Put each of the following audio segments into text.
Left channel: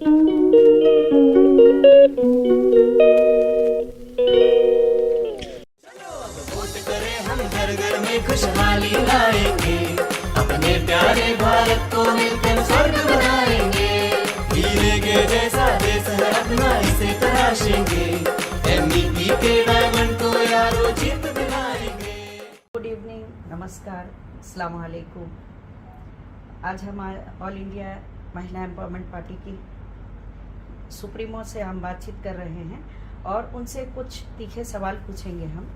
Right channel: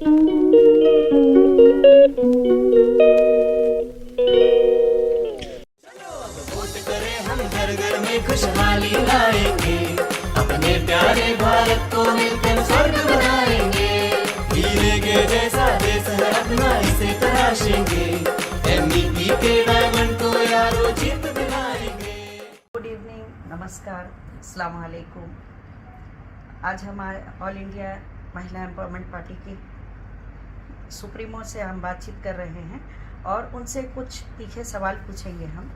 Vote करें हम, घर घर में खुशहाली लाएंगे, अपने प्यारे भारत को मिलकर स्वर्ग बनाएंगे। हीरे के जैसा देश है अपना, इसे तराशेंगे, MEP के डायमंड को यारो जीत दिलाएंगे। गुड इवनिंग, नमस्कार, अस्सलाम वालेकुम। आज हम ऑल इंडिया महिला एम्पावरमेंट पार्टी की सुप्रीमो से हम बातचीत कर रहे हैं और उनसे कुछ तीखे सवाल पूछेंगे। हम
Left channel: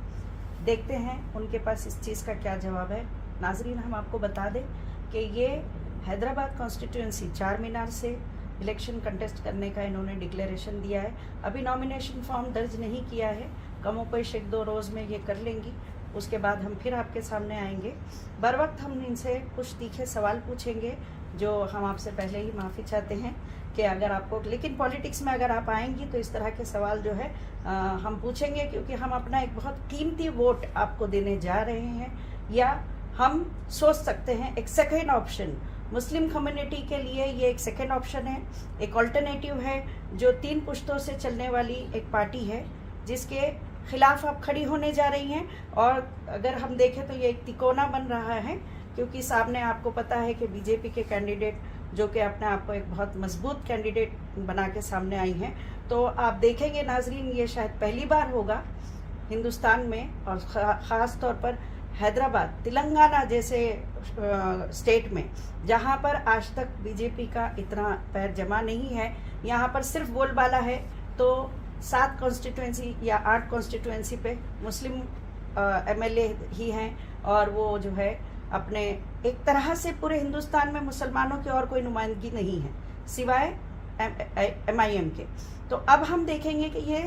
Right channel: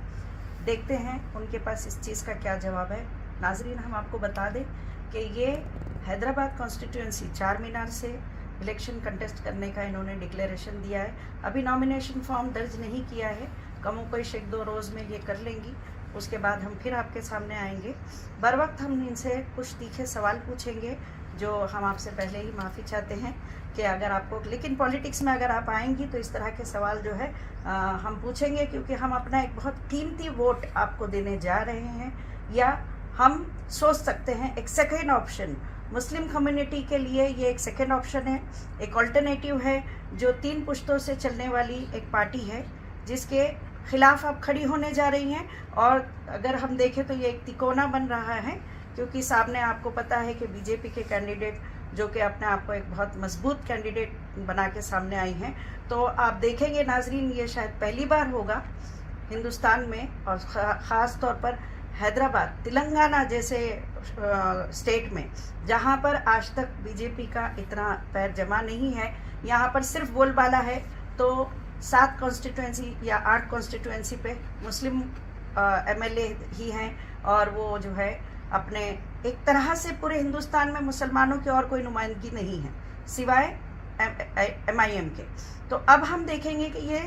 देखते हैं उनके पास इस चीज़ का क्या जवाब है। नाजरीन, हम आपको बता दें कि ये हैदराबाद कॉन्स्टिट्यूंसी चार मीनार से इलेक्शन कंटेस्ट करने का इन्होंने डिक्लेरेशन दिया है। अभी नॉमिनेशन फॉर्म दर्ज नहीं किया है, कमों कोई एक दो रोज़ में ये कर लेंगी। उसके बाद हम फिर आपके सामने आएंगे। बर वक्त हम इनसे कुछ तीखे सवाल पूछेंगे, जो हम आपसे पहले ही माफ़ी चाहते हैं कि अगर आपको, लेकिन पॉलिटिक्स में अगर आप आएंगी तो इस तरह के सवाल जो है हम पूछेंगे, क्योंकि हम अपना एक बहुत कीमती वोट आपको देने जा रहे हैं। या हम सोच सकते हैं एक सेकेंड ऑप्शन, मुस्लिम कम्युनिटी के लिए ये एक सेकेंड ऑप्शन है, एक ऑल्टरनेटिव है, जो 3 पुश्तों से चलने वाली एक पार्टी है जिसके खिलाफ आप खड़ी होने जा रही हैं। और अगर हम देखें तो ये एक तिकोना बन रहा है, क्योंकि सामने आपको पता है कि बीजेपी के कैंडिडेट जो कि अपने आप को एक बहुत मजबूत कैंडिडेट बना के सामने आई हैं। तो आप देखेंगे नाजरीन, ये शायद पहली बार होगा हिंदुस्तान में, और ख़ास तौर पर हैदराबाद, तेलंगाना जैसे स्टेट में, जहाँ पर आज तक बीजेपी का इतना पैर जमा नहीं है। यहाँ पर सिर्फ बोलबाला है। तो 7 कॉन्स्टिट्यूंसी या 8 कॉन्स्टिट्यूंसी पे मुस्लिम MLA ही हैं, और वो जो है अपने एक तरह से पूरे हिंदुस्तान में मुसलमानों की और कोई नुमाइंदगी नहीं है सिवाय MIM के। तो अब हम देखेंगे कि ये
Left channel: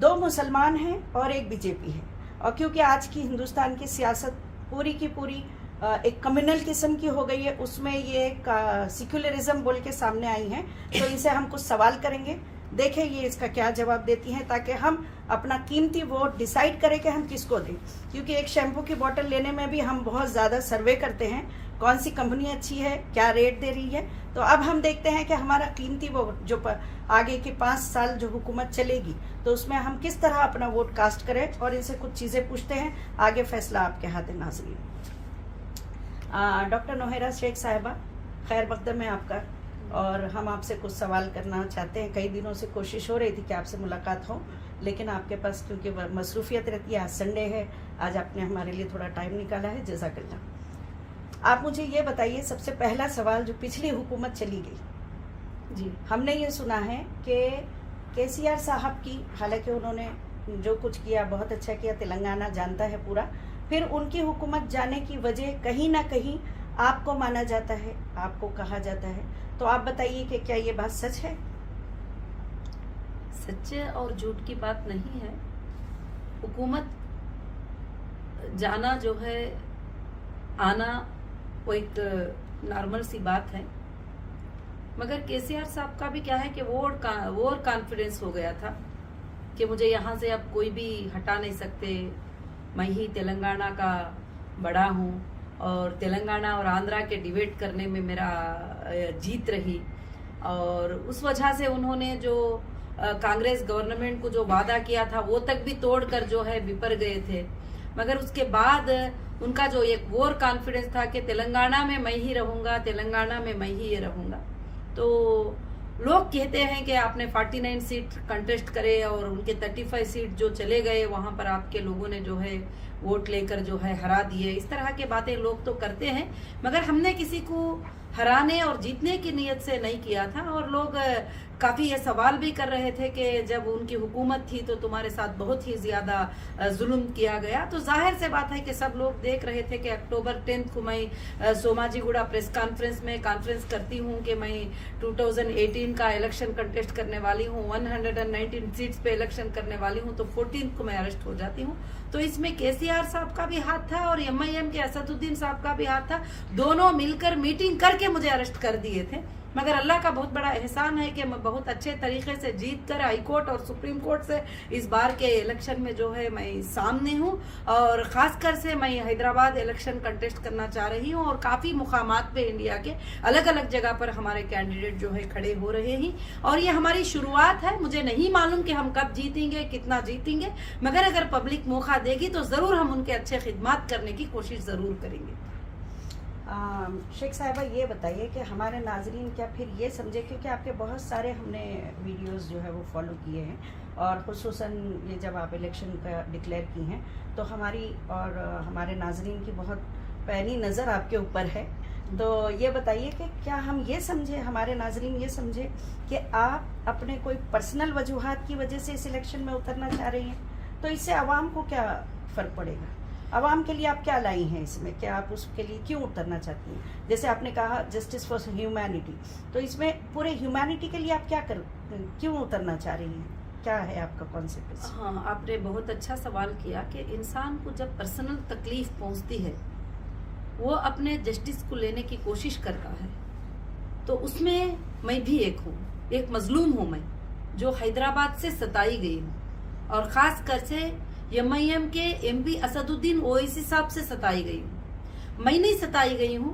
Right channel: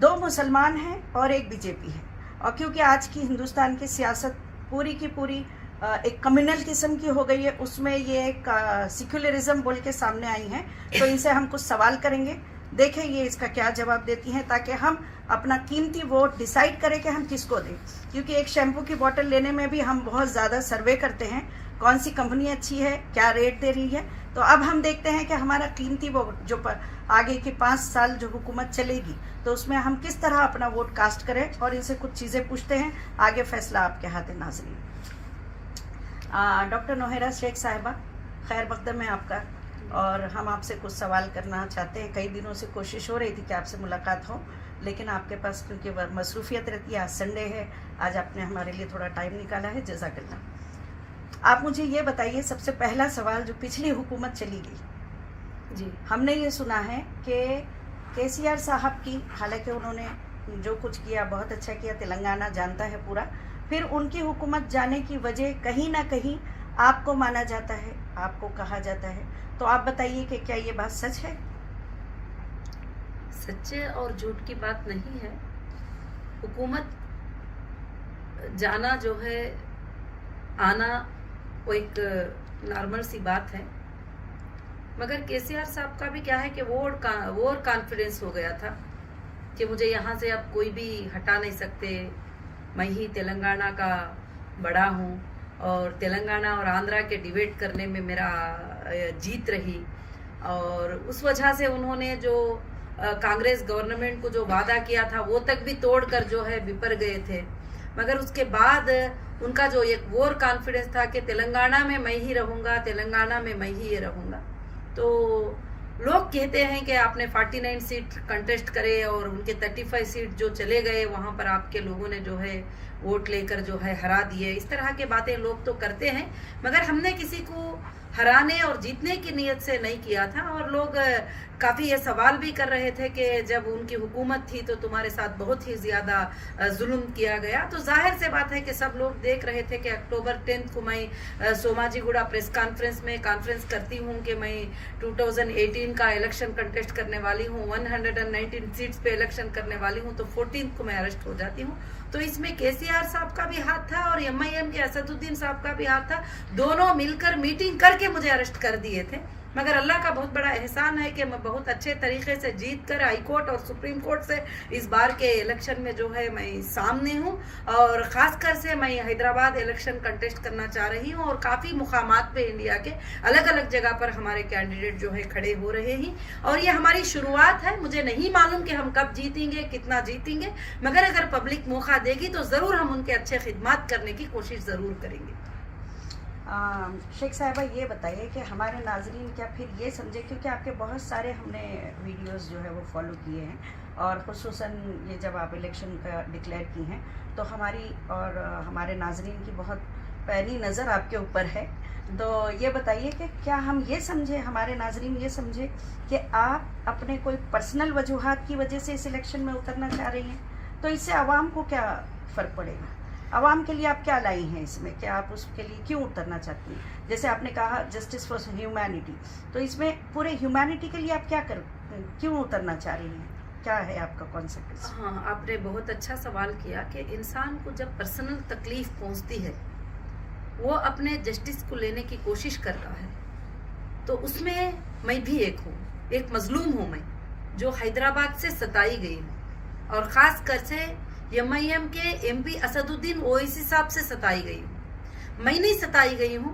2 मुसलमान हैं और एक बीजेपी है। और क्योंकि आज की हिंदुस्तान की सियासत पूरी की पूरी एक कम्युनल किस्म की हो गई है, उसमें ये एक सेक्युलरिज्म बोल के सामने आई हैं, तो इनसे हम कुछ सवाल करेंगे। देखें ये इसका क्या जवाब देती हैं, ताकि हम अपना कीमती वोट डिसाइड करें कि हम किसको दें। क्योंकि एक शैम्पू की बोतल लेने में भी हम बहुत ज़्यादा सर्वे करते हैं, कौन सी कंपनी अच्छी है, क्या रेट दे रही है। तो अब हम देखते हैं कि हमारा कीमती वोट जो आगे की 5 साल जो हुकूमत चलेगी, तो उसमें हम किस तरह अपना वोट कास्ट करें। और इनसे कुछ चीज़ें पूछते हैं, आगे फैसला आपके हाथ है नाज़रीन। डॉक्टर नोहेरा शेख साहिबा, खैर मकदम है आपका, और हम आपसे कुछ सवाल करना चाहते हैं। कई दिनों से कोशिश हो रही थी कि आपसे मुलाकात हो, लेकिन आपके पास क्योंकि मसरूफियत रहती है, आज संडे है, आज आपने हमारे लिए थोड़ा टाइम निकाला है, जज़ाकल्लाह। आप मुझे ये बताइए, सबसे पहला सवाल, जो पिछली हुकूमत चली गई जी, हमने ये सुना है कि KCR साहब की, हालांकि उन्होंने जो कुछ किया बहुत अच्छा किया, तेलंगाना जानता है पूरा, फिर उनकी हुकूमत जाने की वजह कहीं ना कहीं आपको माना जाता है, आपको कहा जाता है। तो आप बताइए कि क्या ये बात सच है? सच्चे और झूठ की बात नहीं है। हुकूमत जाना जो है, आना वो एक नॉर्मल सी बात है। मगर KCR साहब का भी क्या है कि वो कॉन्फिडेंस हो गया था कि मुझे यहाँ से अब कोई भी हटा नहीं सकते, मैं ही तेलंगाना का बड़ा हूँ, और तेलंगाना और आंध्रा के डिबेट करने में मेरा जीत रही। और उस वजह से उन्होंने जो कांग्रेस गवर्नमेंट को जो वादा किया था वो तक भी तोड़कर जो है विफर गए थे। मगर उसके बाद उनका जो एक वोर कॉन्फिडेंस था कि तेलंगाना में मैं ही रहूँगा, तेलंगाना में मैं ही रहूँगा। तो लोग कहते हैं कि आपने 49 सीट कंटेस्ट करे और उनके 35 सीट जो चले गए, वहाँ पर आपके लोगों ने जो है वोट लेकर जो है हरा दिए। इस तरह के बातें लोग तो करते हैं, मगर हमने किसी को हराने और जीतने की नीयत से नहीं किया था। और लोग काफ़ी ये सवाल भी कर रहे थे कि जब उनकी हुकूमत थी तो तुम्हारे साथ बहुत ही ज़्यादा जुल्म किया गया। तो जाहिर से बात है कि सब लोग देख रहे थे कि अक्टूबर 10 को मैं सोमाजीगुड़ा प्रेस कॉन्फ्रेंस में कॉन्फ्रेंस करती हूँ कि मैं 2018 का इलेक्शन कंटेस्ट करने वाली हूँ, 119 सीट्स पे इलेक्शन करने वाली हूँ, तो 14 को मैं अरेस्ट हो जाती हूँ। तो इसमें KCR साहब का भी हाथ था और MIM के असदुद्दीन साहब का भी हाथ था। दोनों मिलकर मीटिंग करके मुझे अरेस्ट कर दिए थे। मगर अल्लाह का बहुत बड़ा एहसान है कि मैं बहुत अच्छे तरीके से जीत कर हाई कोर्ट और सुप्रीम कोर्ट से इस बार के इलेक्शन में जो है मैं सामने हूँ। और ख़ासकर से मैं हैदराबाद इलेक्शन कंटेस्ट करना चाह रही हूँ और काफ़ी मुकामात पे इंडिया के अलग अलग जगह पर हमारे कैंडिडेट जो है खड़े हो रहे हैं। और ये हमारी शुरुआत है, मुझे नहीं मालूम कि हम कब जीतेंगे, कितना जीतेंगे, मगर अगर पब्लिक मौका देगी तो ज़रूर हम उनके अच्छे खिदमत करने की कोशिश ज़रूर करेंगे। शेख साहिबा ये बताइए कि हमारे नाजरीन क्या फिर ये समझे, क्योंकि आपके बहुत सारे हमने वीडियोस जो है वो फॉलो किए हैं और खुसूसन ये जब आप इलेक्शन का डिक्लेयर की हैं तो हमारी और हमारे नाजरीन की बहुत पैनी नज़र आपके ऊपर है। तो ये बताइए कि क्या हम ये समझे, हमारे नाजरीन ये समझे कि आप अपने कोई पर्सनल वजूहात की वजह से इस इलेक्शन में उतरना चाह रही हैं, तो इससे आवाम को क्या फ़र्क पड़ेगा? आवाम के लिए आप क्या लाई हैं इसमें, क्या आप उसके लिए क्यों उतरना चाहती हैं? जैसे आपने कहा जस्टिस फॉर ह्यूमैनिटी, तो इसमें पूरे ह्यूमैनिटी के लिए आप क्यों उतरना चाह रही हैं? क्या है आपका कॉन्सेप्ट? हाँ, आपने बहुत अच्छा सवाल किया कि इंसान को जब पर्सनल तकलीफ पहुंचती है वो अपने जस्टिस को लेने की कोशिश करता है, तो उसमें मैं भी एक हूँ, एक मजलूम हूँ मैं, जो हैदराबाद से सताई गई हूँ और ख़ास कर से MIM के MP असदुद्दीन ओवैसी साहब से सताई गई हूँ। मैं नहीं सताई गई हूँ,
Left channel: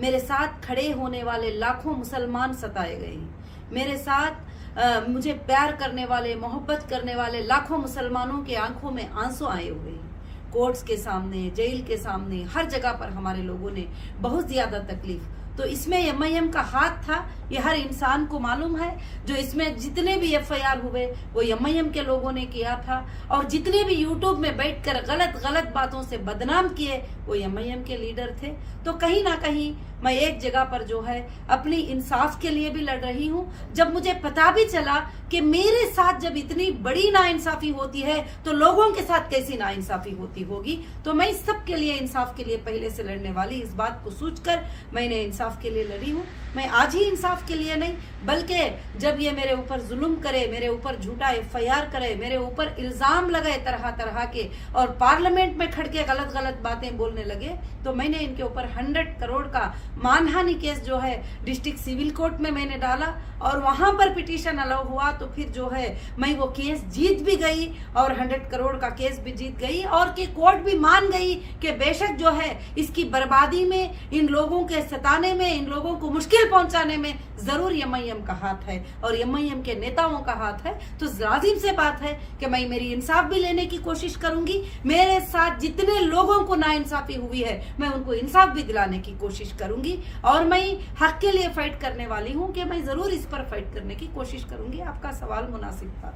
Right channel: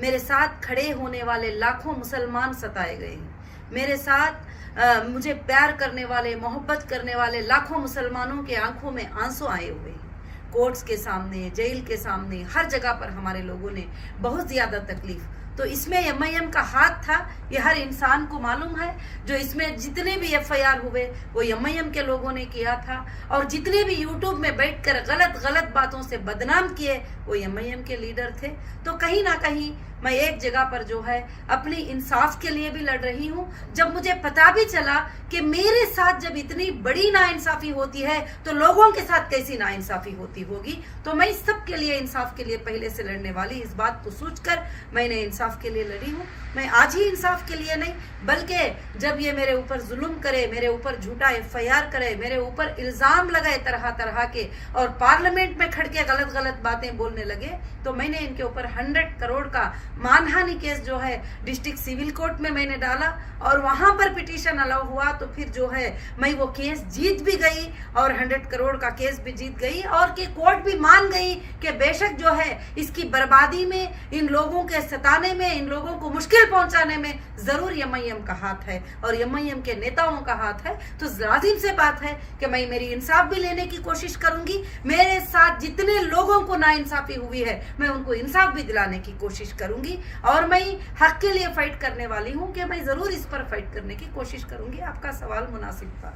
मेरे साथ खड़े होने वाले लाखों मुसलमान सताए गए हैं। मेरे साथ मुझे प्यार करने वाले, मोहब्बत करने वाले लाखों मुसलमानों के आंखों में आंसू आए हुए हैं। कोर्ट्स के सामने, जेल के सामने, हर जगह पर हमारे लोगों ने बहुत ज़्यादा तकलीफ, तो इसमें MIM का हाथ था, ये हर इंसान को मालूम है। जो इसमें जितने भी FIR हुए वो MIM के लोगों ने किया था और जितने भी यूट्यूब में बैठकर गलत बातों से बदनाम किए वो MIM के लीडर थे। तो कहीं ना कहीं मैं एक जगह पर जो है अपनी इंसाफ के लिए भी लड़ रही हूँ। जब मुझे पता भी चला कि मेरे साथ जब इतनी बड़ी नाइंसाफी होती है तो लोगों के साथ कैसी नाइंसाफी होती होगी, तो मैं सबके लिए इंसाफ के लिए पहले से लड़ने वाली, इस बात को सोचकर मैंने इंसाफ के लिए लड़ी हूँ। मैं आज ही इंसाफ के लिए नहीं, बल्कि जब ये मेरे ऊपर जुल्म करे, मेरे ऊपर झूठा FIR करे, मेरे ऊपर इल्जाम लगाए तरह तरह के और पार्लियामेंट में खड़ के गलत बातें बोलने लगे, तो मैंने इनके ऊपर 100 करोड़ का मानहानि केस जो है डिस्ट्रिक्ट सिविल कोर्ट में मैंने डाला और वहां पर पिटीशन अलाउ हुआ। तो फिर जो है मैं वो केस जीत भी गई और 100 करोड़ का केस भी जीत गई और कि कोर्ट भी मान गई कि बेशक जो है इसकी बर्बादी में, इन लोगों के सताने में, इन लोगों को मुश्किल पहुंचाने में जरूर MIM का हाथ है और MIM के नेताओं का हाथ है। तो लाजिम से बात है कि मैं मेरी इंसाफ भी लेने की कोशिश करूंगी। मेरे साथ जितने लोगों को नाइंसाफी हुई है मैं उनको इंसाफ भी दिलाने की कोशिश करूंगी और मैं हक के लिए फाइट करने वाली हूं कि मैं जरूर इस पर फाइट करने की कोशिश करूंगी। आपका सवाल मुनासिब था।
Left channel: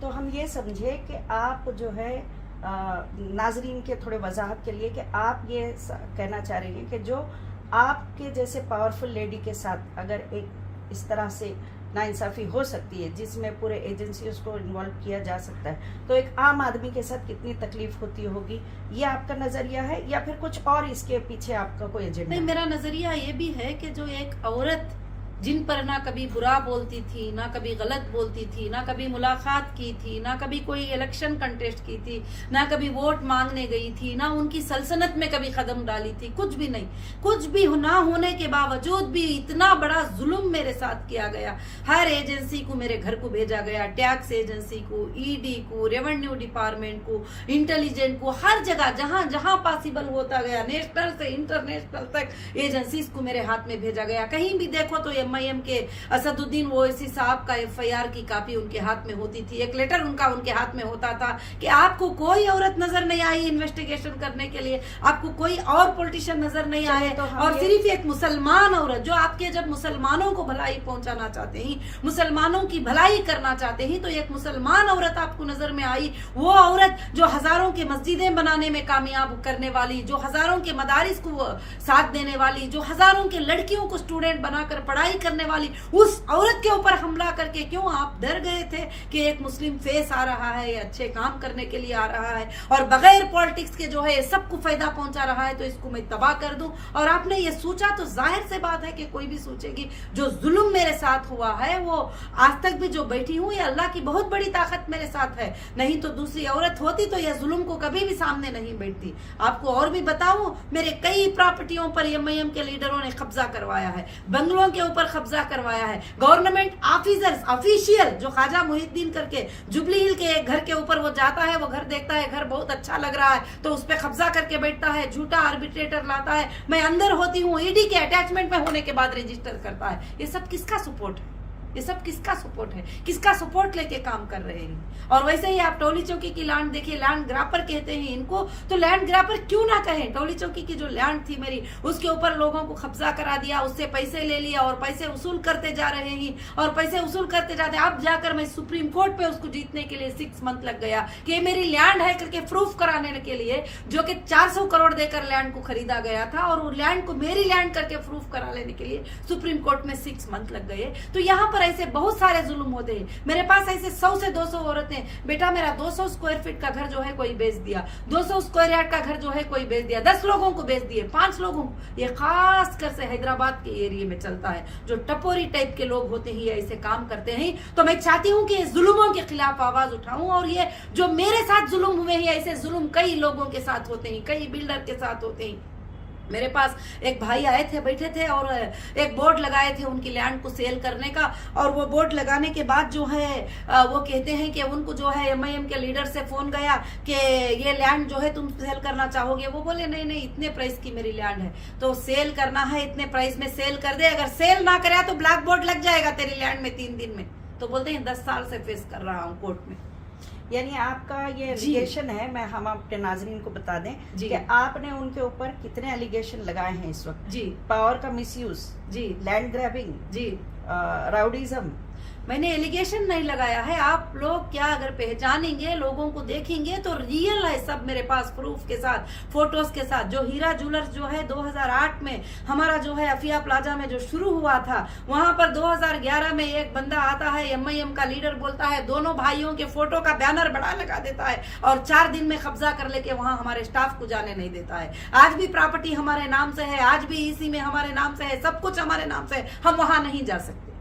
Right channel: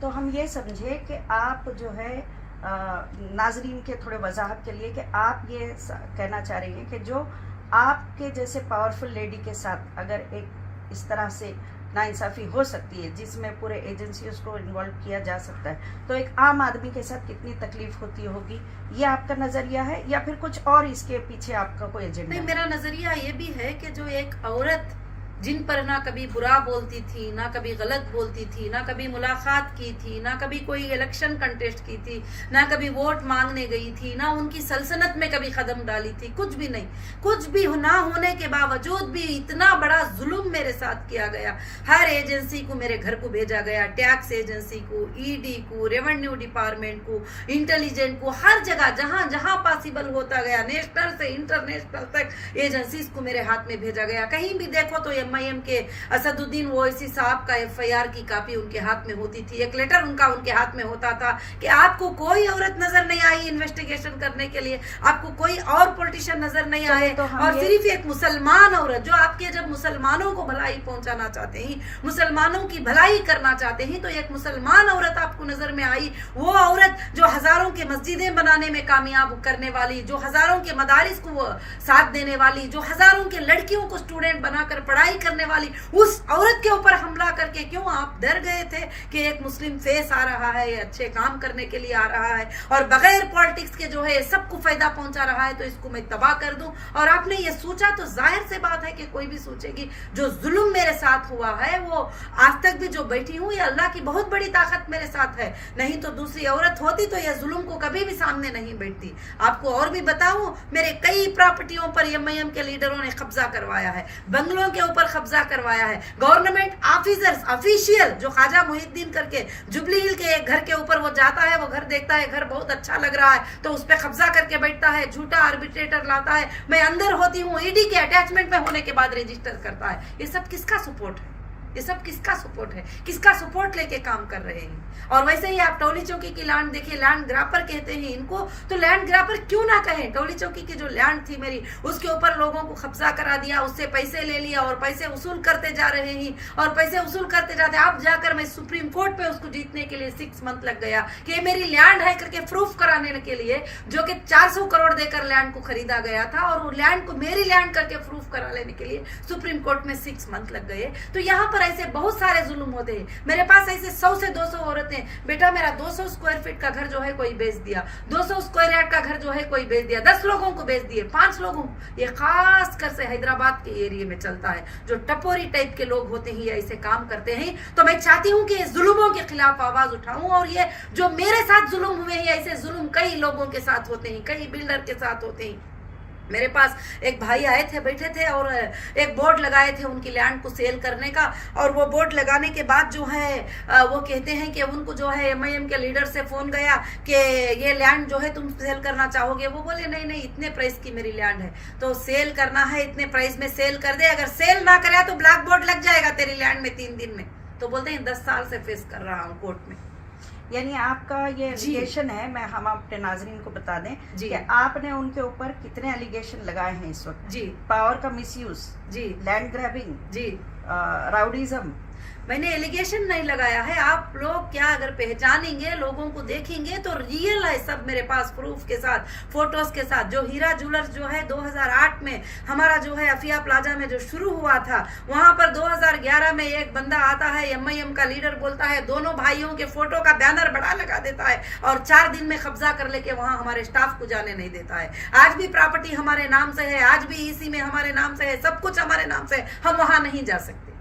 तो हम ये समझे कि आप जो है नाजरीन के थोड़े वजाहत के लिए कि आप ये कहना चाह रही हैं कि जो आपके जैसे पावरफुल लेडी के साथ अगर एक इस तरह से नाइंसाफी हो सकती है जिसमें पूरे एजेंसीज को इन्वॉल्व किया जा सकता है, तो एक आम आदमी के साथ कितनी तकलीफ होती होगी, ये आपका नजरिया है या फिर कुछ और इसके पीछे आपका कोई एजेंडा? नहीं, मेरा नजरिया ये भी है कि जो एक औरत जिन पर ना कभी बुरा बोलती थी, ना कभी गलत बोलती थी, ना कभी मुलाकात की थी, ना कभी कोई इलेक्शन कंटेस्ट की थी, ना कभी वोट मांगने गई थी, ना उनकी सल्तनत में कभी कदम डाली थी, कुछ भी नहीं। कुछ भी ना होने के बावजूद भी इतना बड़ा जुल्म मेरे साथ किया गया। हर एजेंसी को मेरे घर को भेजा गया, टैक्स एजेंसी को, ED को, रेवेन्यू डिपार्टमेंट को, इंटेलिजेंस को, हर जगह जहां जहां पॉसिबल होता गया, नेशनल से इंटरनेशनल तक एजेंसीज को मेरे हाथ में भेजा गया। कहीं भी देखो तो MIM के असदुद्दीन ओवैसी साहब का FIR की कॉपी उनके हाथ में होती थी, एक लेटर उनके हाथ में होता था कि आपको कोई औरत नजर नहीं आई इन्वेस्टिगेशन करने के लिए, आपको कोई और पॉलिटिशियन नजर नहीं आए, और सिर्फ एक मुसलमान औरत जो आपके जब मुसलमानों को भलाई पहुंचाना चाहते हैं, मुसलमानों की भलाई करना चाहते हैं, तो एक मुसलमान औरत आपको नजर में आई। वो औरत जो हजारों के मस्जिदें बनाने में कामयाब करने वाली, जो हजारों के मदारिस को साथ देने वाली, जो हजारों के लड़कियों को स्टूडेंट बनाकर पढ़ाई करने वाली, उस औरत के ऊपर हमला करके क्यों आप डर गए थे कि एक मुस्लिम फेस आ रहा है, ये अच्छे काम करने के लिए आ रहा है और बगैर पॉलिटिक्स के जो है सबको फायदा पहुंचा रहा है, तो इसको मैं तबाह कर दूं। और आपने ये सोचा तो जाहिर से बात है कि कोई भी सोचेगी। जो जुल्म मेरे साथ हुआ है वो आज तक भी जो बैठी हूं, ये अल्लाह की बहुत बड़ी ताकत मेरे साथ है, नहीं तो दूसरी औरत होती तो यह जुल्म को कभी भी सामने नहीं बैठती। आपको और भी बताऊं, मेरे कई प्रॉपर्टियों पर MIM के लीडरों ने कब्जा करवाया है, बंगलों के ऊपर ऊपर कब्जा करवाया है। गवर्नमेंट ऑफिसर्स ऑफिशियल जो ख्वाजा मुहिद्दीन करके जुबली हिल के एक घर के ऊपर वो जाता है, वो घर देखता है, घर बहुत अच्छा लग रहा है तो उस पर कब्जा करके बैठता है, झूठा आर्बिट्रेटर लाता है, मैं अंदर होती हूँ, ईडी के अटैचमेंट में होने के बाद रजिस्टर करता है। ये सब किसका सपोर्ट है? ये सब किसका सपोर्ट है? किसका सपोर्ट लेके काम कर रहे हैं? और वैसे ही आप टोली चौकी की लैंड देखिए, लैंड ग्रापर कहते हैं इनको, तो लैंड ग्रापर क्यों ना कहें? टोली चौकी की जो लैंड थी मेरी, उसके ऊपर लोगों को कब्जा करा दिया, उससे पैसे ले लिया और पैसे वसूल करते जा रहे हैं और पैसे वसूल करते जाते। अब जाकर मैं सुप्रीम कोर्ट पे उसको जीतने के लिए 6 मंथ लग गया कि ये मेरी लैंड है करके प्रूफ कराने के लिए, जो कि 400 करोड़ देकर लैंड को खरीदा गया था और वो लैंड को मेरी लैंड करके प्रूफ करा लेने के लिए सुप्रीम कोर्ट में 6 मंथ लग गए। तो यहाँ पर ऐसे बहुत सारे जुल्म होते हैं। मेरे पास ऐसे 100 से 200 औरतें, बेटा मेरा 200 स्क्वायर फीट का घर जो है कोई बेच दिया, 200 स्क्वायर यार्ड का घर जो है कोई बेच दिया, 10 लोगों को बेच दिए, 5 लोगों को। ये खास कर से हैदराबाद के एरिया में चलता है। जो टपोरी टाइप के लोग होते हैं ऐसे काम करते हैं। तो मैं चाहती हूँ कि जुल्मों के खिलाफ आवाज उठाऊं और ये जो मेरे साथ जुल्म हुए हैं ऐसे जुल्म कई लोगों के साथ होते हैं, कई बिल्डर के साथ होते हैं। मेरे पास एक भाई आए थे, बैठे थे और एक बोर्ड लगाए थे उनकी लैंड को सेल करने का। और वो बोर्ड लगाने के बाद जो है वो कहते हैं कि उनको जो है MIM के लीडर से फोन गया कि ये लैंड जो है तुम सेल करना चाहोगे? वो बोले नहीं नहीं, इतने प्राइस की मेरी लैंड है तो सेल करना है, इतने प्राइस में सेल कर दे, अगर सेल ना करे तो ब्लैक बोर्ड लग जाएगा तेरी लैंड में 3 दिन में। तो बोलते हैं 10 साल से फेस कर रहा हूँ कोर्ट में। यानी आपका ये एलिगेशन है, मैं हम अपने नाजरीन को बता दें कि आपने उनके ऊपर कितने एलिगेशन लगाए हैं इस वक्त। जी, पावर का मिसयूज, जी, लैंड ग्रैबिंग, जी, राउडीज्म। मैंने एलिगेशन नहीं लगाया है। आप लोग क्या अगर पहचानेंगे, लोगों को देखेंगे तो रियल है सब मेरे पास प्रूफ के साथ, फोटोज के साथ। जो हीरा ज्वेलर्स जो है 2008 में हमारा जो है अफिया प्लाजा में जो शुरू हुआ था, वहां पर 2011 में एक बंदा आता है MIM का लीडर, बोलता है दोनों भाइयों के फोटो का बैनर बड़ा लगा देता है और 4 दिन में कब्जा कर लेके वहां हमारे स्टाफ को जाने नहीं देता है। आज भी प्रॉपर्टी हमारे नाम से है, आज भी EC में हमारे नाम से है, सब कुछ हमारे नाम से है, हम वहां नहीं जा सकते।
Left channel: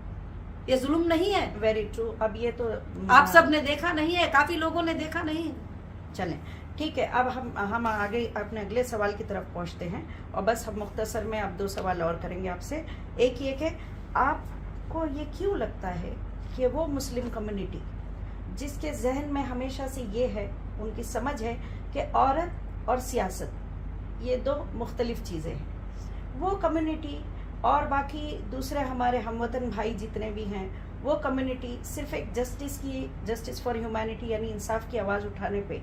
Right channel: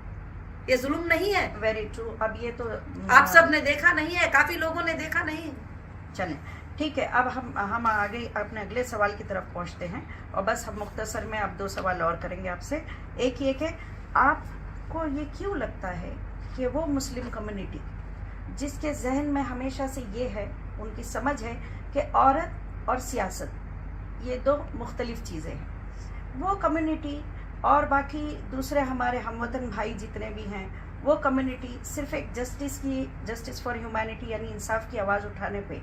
ये जुल्म नहीं है? Very true. अब ये तो आप सब ने देखा नहीं है, काफी लोगों ने देखा नहीं है। चलें ठीक है, अब हम आगे अपने अगले सवाल की तरफ पहुंचते हैं और बस हम मुख्तसर में अब 2 सवाल और करेंगे आपसे। एक ये कि आपको ये क्यों लगता है कि वो मुस्लिम कम्युनिटी जिसके जहन में हमेशा से ये है, उनकी समझ है कि औरत और सियासत ये 2 मुख्तलिफ चीज़ें हैं, वो कम्युनिटी और बाकी दूसरे हमारे हमवतन भाई जितने भी हैं, वो कम्युनिटी सिर्फ एक जस्टिस फॉर ह्यूमैनिटी यानी इंसाफ की आवाज़ उठाने पे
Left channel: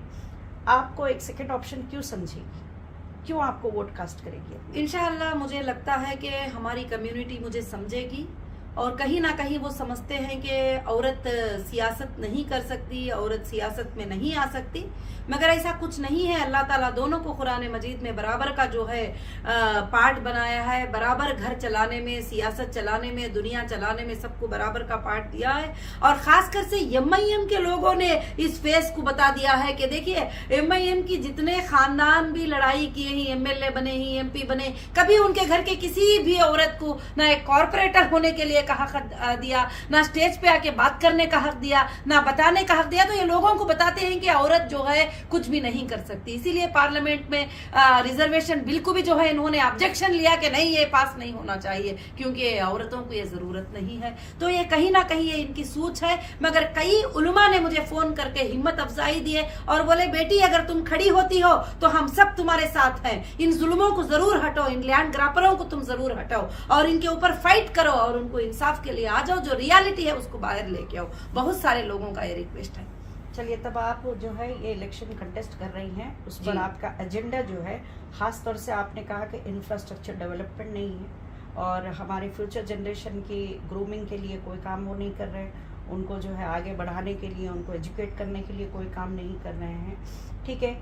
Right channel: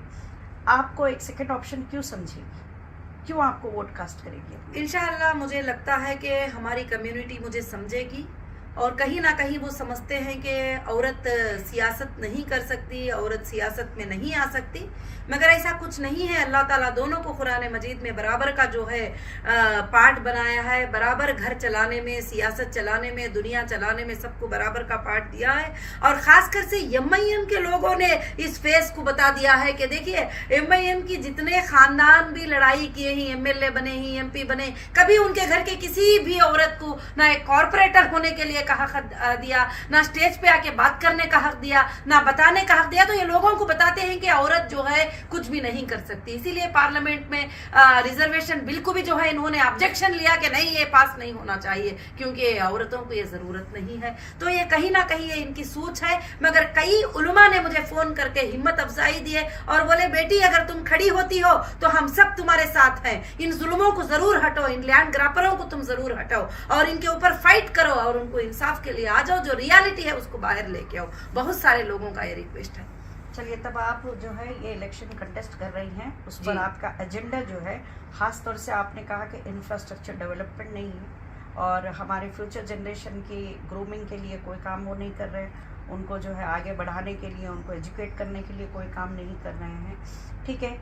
आपको एक सेकंड ऑप्शन क्यों समझेगी, क्यों आपको वोट कास्ट करेगी? इंशाअल्लाह मुझे लगता है कि हमारी कम्युनिटी मुझे समझेगी और कहीं ना कहीं वो समझते हैं कि औरत सियासत नहीं कर सकती, औरत सियासत में नहीं आ सकती, मगर ऐसा कुछ नहीं है। अल्लाह ताला दोनों को कुरान मजीद में बराबर का जो है पार्ट बनाया है, बराबर घर चलाने में, सियासत चलाने में, दुनिया चलाने में सबको बराबर का पार्ट दिया है। और खासकर से MIM के लोगों ने इस फेस को बता दिया है कि देखिए MIM की जितने खानदान भी लड़ाई किए हैं, MLA बने हैं, MP बने, कभी उनके घर के किसी भी औरत को ना एक कॉर्पोरेटर होने के लिए का हक दिया, ना स्टेज पे आके बात करने का हक दिया, ना बताने का हक दिया। तो ये लोगों को बताते हैं कि औरत जो है कुछ भी नहीं कर सकती। इसीलिए पार्लियामेंट में रिजर्वेशन बिल को भी जो है इन्होंने ऑब्जेक्शन लिया कि नहीं, ये पास नहीं होना चाहिए क्योंकि औरतों को ये जरूरत नहीं है। तो ये कहीं ना कहीं ये इनकी सोच है। मगर कई उलमा ने मुझे फोन करके हिम्मत अफजाई दिए और बोले बेटी अगर तुम खड़ी होती हो तो हम सब तुम्हारे साथ हैं, इन जुल्मों को जरूर हटाओ, इन लैंड ग्रापरों को तुम जरूर हटाओ और इनके ऊपर फाइट करो और उनको इंसाफ के लिए आ जाओ, जो रियलिटी है उसको बाहर लेके आओ। बहुत सारे लोगों का ये रिक्वेस्ट है। चलिए, तब आप जो है ये इलेक्शन कंटेस्ट कर रही हैं, उस पर आपका एजेंडा जो है, खास तौर से आपने कहा कि इंफ्रास्ट्रक्चर डेवलपमेंट नहीं है और हमारे फ्यूचर जनरेशन की ग्रूमिंग के लिए कोई काम वो नहीं कर रहे हैं, उनको जो है आगे बढ़ाने के लिए, उनको एजुकेट करने के लिए कोई काम नहीं कर रहे हैं। ठीक है,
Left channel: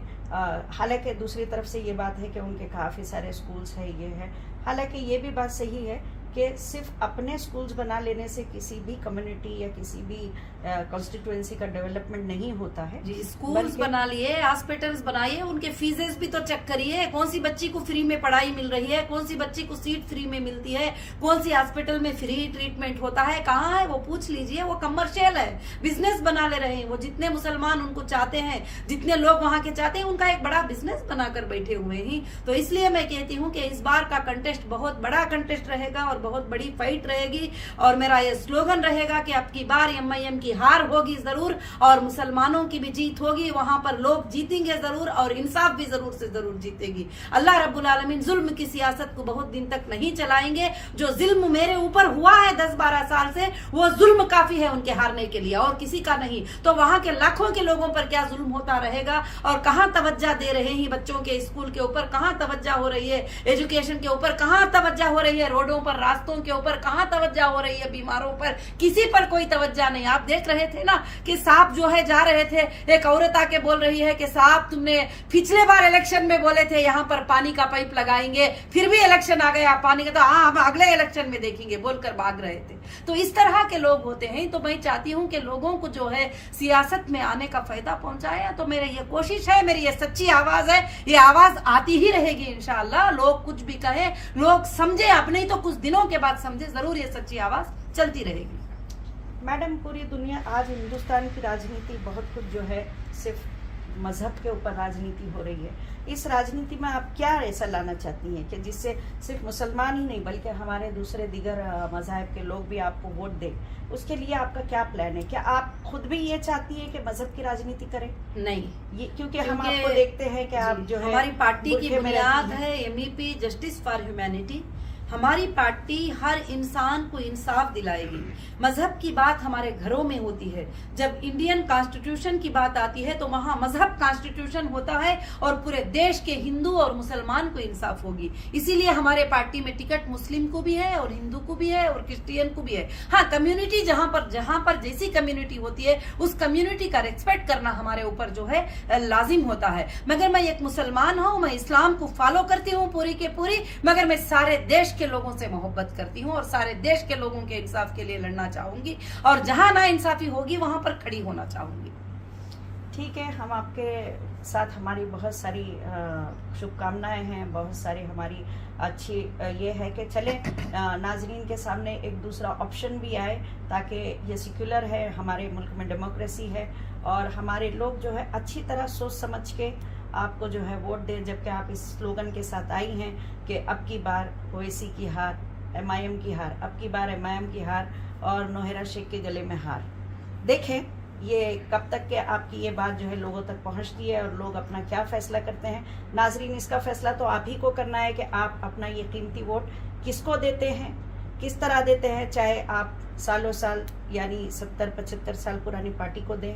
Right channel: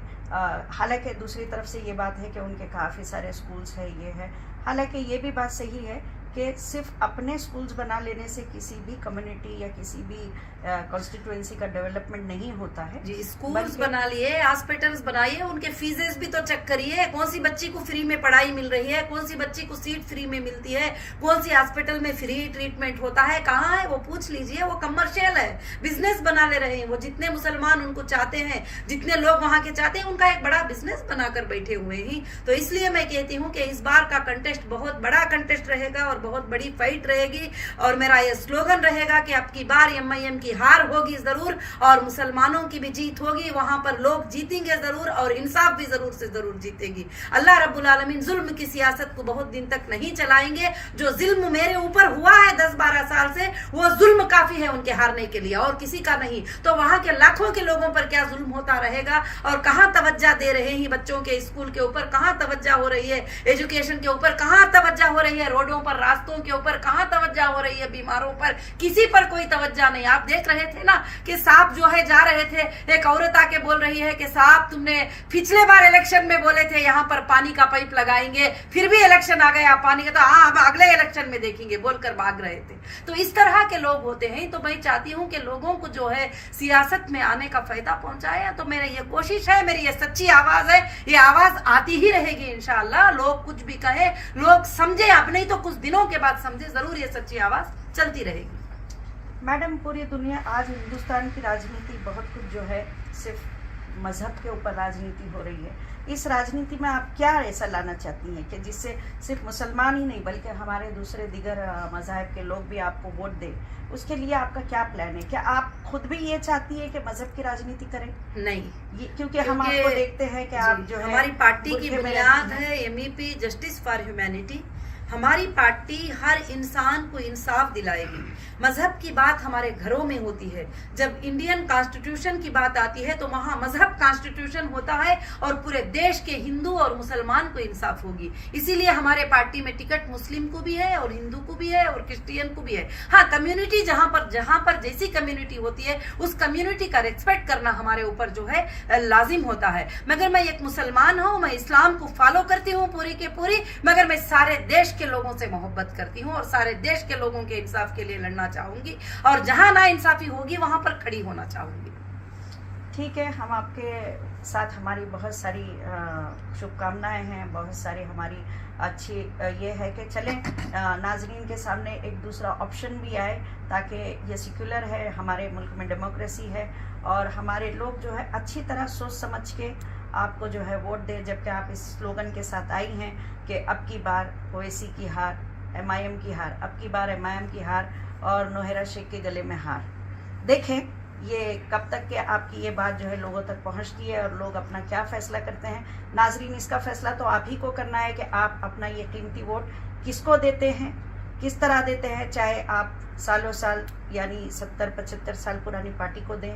हालांकि दूसरी तरफ से ये बात है कि उनके काफ़ी सारे स्कूल्स है, ये है। हालांकि ये भी बात सही है कि सिर्फ अपने स्कूल्स बना लेने से किसी भी कम्युनिटी या किसी भी कॉन्स्टिट्यूएंसी का डेवलपमेंट नहीं होता है। जी, स्कूल्स बना लिए, हॉस्पिटल्स बनाइए, उनके फीसेस भी तो चेक करिए, कौन सी बच्ची को फ्री में पढ़ाई मिल रही है, कौन सी बच्ची को सीट फ्री में मिलती है, कौन सी हॉस्पिटल में फ्री ट्रीटमेंट होता है, कहाँ है वो पूछ लीजिए। वो कमर्शियल है, बिजनेस बना ले रहे हैं वो। जितने मुसलमान उनको चाहते हैं, जितने लोग वहां के चाहते हैं, उनका एक बड़ा बिजनेस बनाकर बैठे हुए हैं। तो इसलिए मैं कहती हूँ कि इस बार का कंटेस्ट बहुत बड़ा कंटेस्ट रहेगा और बहुत बड़ी फाइट रहेगी और मेरा ये स्लोगन रहेगा कि अब की बार MIM की हार होगी जरूर और मुसलमानों की भी जीत होगी। वहां पर लोग जीतेंगे जरूर और इंसाफ भी जरूर से जरूर जीतेगी। अल्लाह रब्बुल आलमीन जुल्म की सियासत को बहुत दिन तक नहीं चलाएंगे। जो जुल्म मेरे ऊपर हुआ है 10-12 साल से, वो जुल्म काफी है उनके हारने के लिए और किसी का नहीं। तो वहां के लाखों के लोगों पर क्या जुल्म होता रहेगा और कहां तवज्जो दे रहे हैं बच्चों के स्कूल के ऊपर, कहां तवज्जो हो रही है एजुकेशन के ऊपर, कहां तवज्जो हो रही है रोडों पर रास्तों के ऊपर, कहां तवज्जो हो रही है बीमारों पर, किसी पर कोई तवज्जो नहीं। आप देख रहे थे ना कि साहब जो है जा रहे थे, एक औरत आके बोल रही है कि साहब तुमने पिछले बार इलेक्शन में बोले थे यहाँ पर पानी का पाइप लगाएंगे, फिर भी इलेक्शन आ गया पानी का, तो हाँ हम अगले इलेक्शन में देखेंगे बोलकर भाग रहे थे। तो इस तरह के लोग होते हैं। तो मैं चाहती हूँ कि लोगों को जो है सियासत में आने का फायदा पहुंचाए। तो मेरी ये कोशिश है, मेरी ये सच्ची आवाज है, ये आवाज आती ही रहेगी इंशाअल्लाह। लोग कुछ भी कहे, लोग समझे अब नहीं तो कुछ दिनों के बाद समझे, जरूर ये सच्ची आवाज चलती रहेगी। मैडम, पूरी दुनिया आज हिंदुस्तान की राजनीति बहुत कुछ जो है सिर्फ मजहब के ऊपर राजनीति हो रही है। इस राजनीति में आप क्या ऐसा लाना चाहती हैं कि जिससे सिर्फ मुसलमान ही नहीं बल्कि हमारे दूसरे दीगर मज़ाहिब के लोग भी आपको वोट दें? उसके लिए आपका क्या प्लान है? क्या आप खुद भी ये चाहती है कि मजहब की राजनीति करें? नहीं, ये क्योंकि हम आपको देखते हैं कि आप जो है हमारी पार्टी की बुनियाद है MEP जस्टिस फॉर ह्यूमैनिटी। हमारी पार्टी हर इंसान को इंसाफ दिलाएगी। मजहब की बात हमारे घरों में होती है। जब इंडियन कॉन्स्टिट्यूशन की बात आती है तो वहां मजहब कॉन्स्टिट्यूशन होता है और पूरे देश के हिंदू और मुसलमान को इंसाफ होगी। इसीलिए हमारे पार्टी में टिकट मुस्लिम को भी है और हिंदू को भी है और क्रिश्चियन को भी है। हाँ, कम्युनिटी जहां पर जैसी कम्युनिटी होती है उस कम्युनिटी का रिस्पेक्ट करना हमारे ऊपर जो है लाजिम होता है। मगर मैं एक मुसलमान हूँ, मैं इस्लाम को फॉलो करती हूँ पूरी के पूरी, मगर मैं सारे देश के लोगों से मोहब्बत करती हूँ और सारे देश के लोगों के इंसाफ के लिए लड़ना चाहूंगी और जहां ना इंसाफी होगी वहां पर खड़ी होना चाहूंगी। ठीक है, हम आपके साथ, हमारी बहुत सारी शुभकामनाएं हैं, बहुत सारी हमारी अच्छी ये है कि चले नाजरीन के सामने एक दूसरा ऑप्शन भी आए ताकि ये सेक्युलर है, हमारे मुल्क में डेमोक्रेसी है और हमारे लोग जो है अच्छी तरह सोच समझ के आपको जो है वोट दे। जबकि आप इस स्लोगन के साथ आई हैं कि अब की बार ओवैसी की हार, MIM की हार, अब की बार MIM की हार और नौहरा शेख के गले में हार। देखें ये कब तक के आपकी ये बात जो है लोगों तक पहुंचती है और लोग अपना क्या फैसला करते हैं। नाजरीन, इसका फैसला तो आप ही को करना है कि आप अपना ये कीमती वोट किसको देते हैं, किस तरह देते हैं। चाहे आप सालों साल यानी 70-75 साल पुरानी पार्टी को दें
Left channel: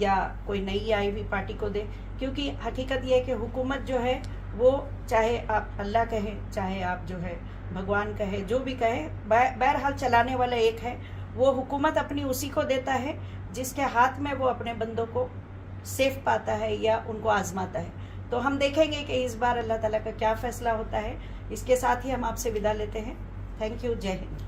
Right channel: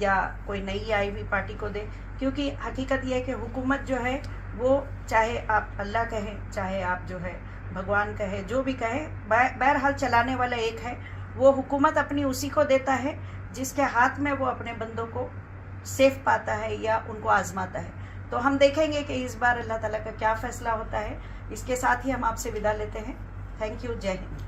या कोई नई आई हुई पार्टी को दें, क्योंकि हकीकत यह है कि हुकूमत जो है वो चाहे आप अल्लाह कहें, चाहे आप जो है भगवान कहे, जो भी कहे, बहरहाल चलाने वाला एक है। वो हुकूमत अपनी उसी को देता है जिसके हाथ में वो अपने बंदों को सेफ पाता है या उनको आजमाता है। तो हम देखेंगे कि इस बार अल्लाह ताला का क्या फैसला होता है। इसके साथ ही हम आपसे विदा लेते हैं। Thank you. जय हिंद।